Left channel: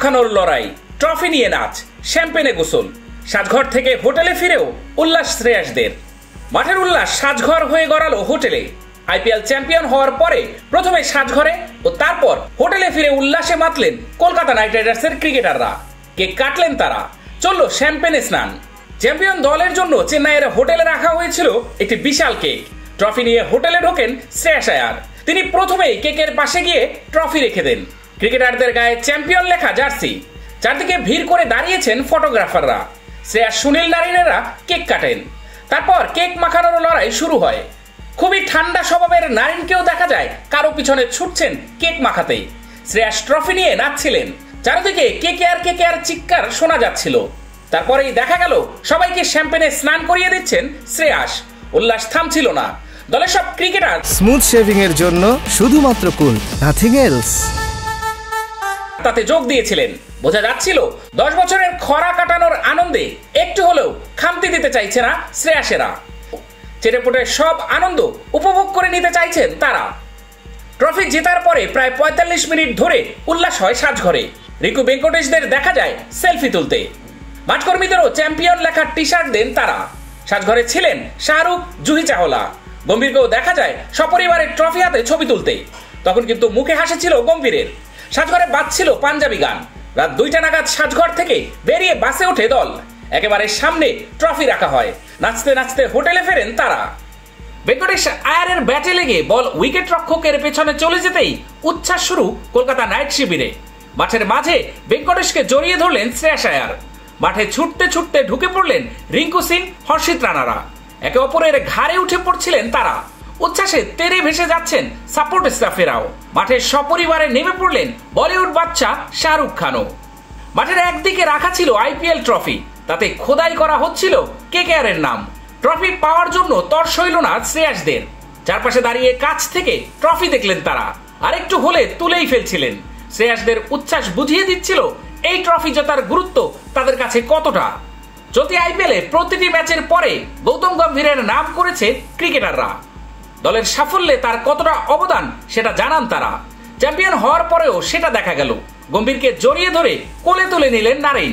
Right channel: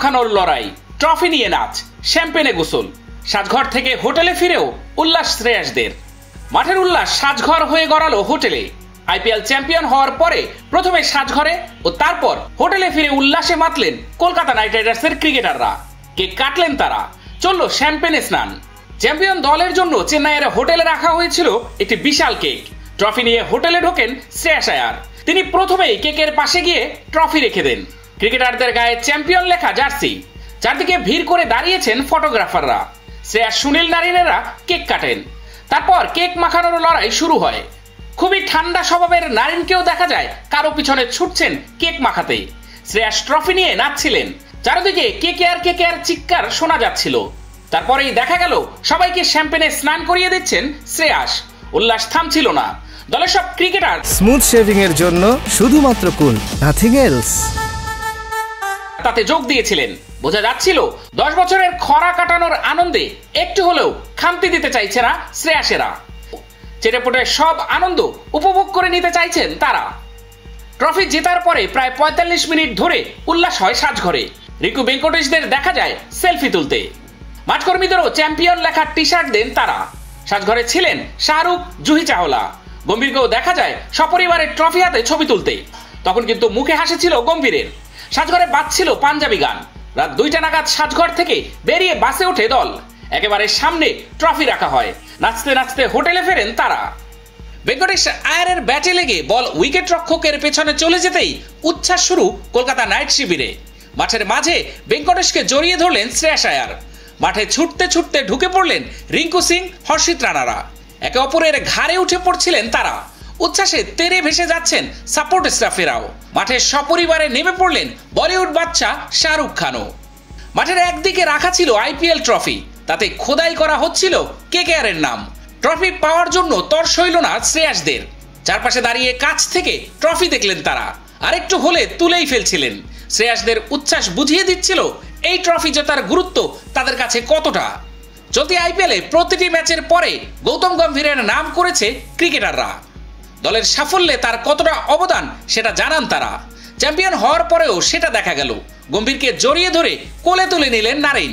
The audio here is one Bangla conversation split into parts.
মাখানোর লড়াই, ট্রফি নিয়ে নাচ, শ্যাম্পেনে গোসল, সাজঘর থেকে হোটেলে ফিরেও উল্লাস শ্রেয়াসদের। মাঠের উল্লাস সাজঘর হয়ে গড়ালো হোটেলে। আইপিএল চ্যাম্পিয়ন হওয়ার পরে প্রথমে সাজঘরে ও তারপর হোটেলে ফিরে উল্লাসে মাতলেন কলকাতা নাইট রাইডার্সের ক্রিকেটাররা। কেক কাটলেন তারা, চলল শ্যাম্পেনে স্নান। চ্যাম্পিয়ন দলের জন্য চেন্নাইয়ের হোটেলে রাখা হয়েছিল একটি বিশাল কেক। ট্রফি নিয়ে হোটেলে ঢোকেন শ্রেয়াস আয়ার। তিনি প্রথমেই কেকের পাশে গিয়ে ট্রফি রেখে দেন। ক্রিকেটারদের গায়ে চ্যাম্পিয়ন লেখা জার্সি। চারদিকে ভিড় করে দাঁড়িয়েছেন ফটোগ্রাফাররা। শ্রেয়াস, সুনীল নারিনেরা কেক কাটেন। তারপর কেক মাখানোর লড়াই শুরু হয়। খুবই ঠান্ডা স্বভাবের নারিনকেও দেখা যায় কারো পিছনে ছুটছেন কেক মাখাতে। শ্রেয়াস ট্রফি নিয়ে নাচছিলেন। চারিদিকে কেকেআর চিৎকার শোনা যাচ্ছিল। তারপরেই দেখা গেল সবাইকে শ্যাম্পেনে স্নান করিয়ে দিচ্ছেন শ্রেয়াস। উল্লাস থামছিল না। দলের সব ক্রিকেটার স্মুথ শেভিং এর জন্য শুধুমাত্র কুল, নাথিং এলস, তাতে যোগ দিয়েছিলেন। বোঝা যাচ্ছিল 10 বছরের খরা কাটানোর আনন্দে একটু হলেও খামতি দিতে চাইছে না শ্রেয়াসেরা। চেটেপুটে সব আনন্দ উপভোগ করে নিতে চাইছেন তারা। ট্রফি জেতার পরে প্রায় 45 মিনিট ধরে উল্লাস হয় সাজঘরে। রিঙ্কু ভেঙ্কটেশদের দেখা যায় সেলফি তুলতে। মাঠকর্মীদেরও চ্যাম্পিয়ন লেখা টি শার্ট দেন তারা। সাজঘরে ছিলেন শাহরুখ, জুহি চাওলা। গম্ভীরকেও দেখা যায় সপরিবারে ট্রফি হাতে ছবি তুলতে। তখন কিন্তু মুখে হাসি ছিল গম্ভীরের। সাজঘরে বাজছিল পাঞ্জাবি গান। রাত 2টা নাগাদ সাজঘর থেকে বেরিয়ে বাসে ওঠে দল। একেবারে সামনে ট্রফি রাখা হয়। নাচতে নাচতে হোটেলে ফেরেন তারা। ভেঙ্কটেশ আয়ারের ব্যাটে লেগে বল উইকেট রক্ষকের পেছনে চলে যেতেই উচ্ছ্বাস শুরু কলকাতা নাইট শিবিরে। মাঠের মাঝে ভেঙ্কটেশকে জড়িয়ে ধরলেন শ্রেয়াস আয়ার। মাঠে ছুটতে ছুটতে ঢুকে পড়লেন রিঙ্কু সিং, হর্ষিত রানারা। একে অপরের ঘাড়ে উঠে পড়ছিলেন তারা। উচ্ছ্বাসে তেরে ভেসে যাচ্ছেন সাপোর্ট স্টাফেরাও। মাঠে সপরিবারে নেমে পড়লেন বলিউড বাদশা শাহরুখ খানও। মাঠের একদিকে রাখা ছিল আইপিএল ট্রফি, তাতে খোদাই করা হচ্ছিল কেকেআরের নাম। ট্রফি পাওয়ার জন্য তর সইল না শ্রেয়াসদের। চারপাশে দাঁড়িয়ে কাছ থেকে ট্রফি দেখলেন তারা। আরেকটু হলে তুলেই ফেলছিলেন। শ্রেয়াসদের উচ্ছ্বাস বুঝিয়ে দিচ্ছিল এই ট্রফি জেতার গুরুত্ব তাদের কাছে কতটা। চলতি আইপিএলে প্রতিটি ম্যাচের পরে গৌতম গম্ভীরের নাম করেছে ক্রিকেটাররা। দলের সাফল্যে তার কতটা অবদান সেটা জানান তারা। চ্যাম্পিয়ন হওয়ার পরেও সেটা দেখা গেল। গম্ভীরকে জড়িয়ে ধরে কোলে তুলে নিলেন নারিন।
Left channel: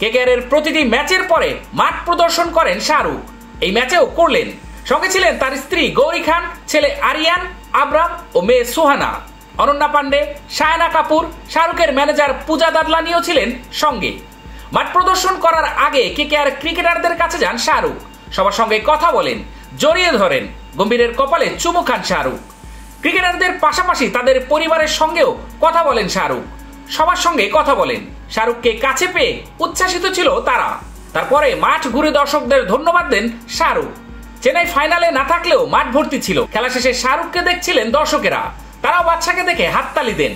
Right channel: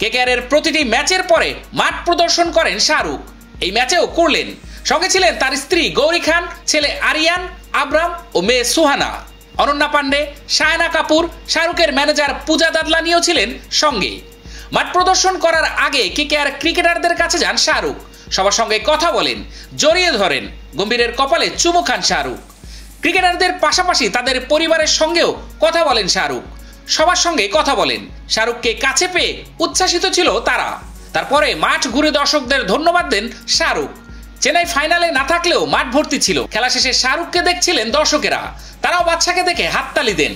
কেকেআরের প্রতিটি ম্যাচের পরে মাঠ প্রদর্শন করেন শাহরুখ। এই ম্যাচেও করলেন। সঙ্গে ছিলেন তার স্ত্রী গৌরী খান, ছেলে আরিয়ান, আবরাম ও মেয়ে সুহানা। অনন্যা পান্ডে, সায়না কাপুর, শাহরুখের ম্যানেজার পূজা দাদলানিও ছিলেন সঙ্গে। মাঠ প্রদর্শন করার আগে কেকেআর ক্রিকেটারদের কাছে যান শাহরুখ। সবার সঙ্গে কথা বলেন, জড়িয়ে ধরেন। গম্ভীরের কপালে চুমু খান শাহরুখ। ক্রিকেটারদের পাশাপাশি তাদের পরিবারের সঙ্গেও কথা বলেন শাহরুখ। সবার সঙ্গে কথা বলেন। শাহরুখকে কাছে পেয়ে উচ্ছ্বাসিত ছিল তারা। তারপরে মাঠ ঘুরে দর্শকদের ধন্যবাদ দেন শাহরুখ। চেন্নাই ফাইনালে না থাকলেও মাঠ ভর্তি ছিল। খেলা শেষে শাহরুখকে দেখছিলেন দর্শকেরা। তারাও বাদশাকে দেখে হাততালি দেন।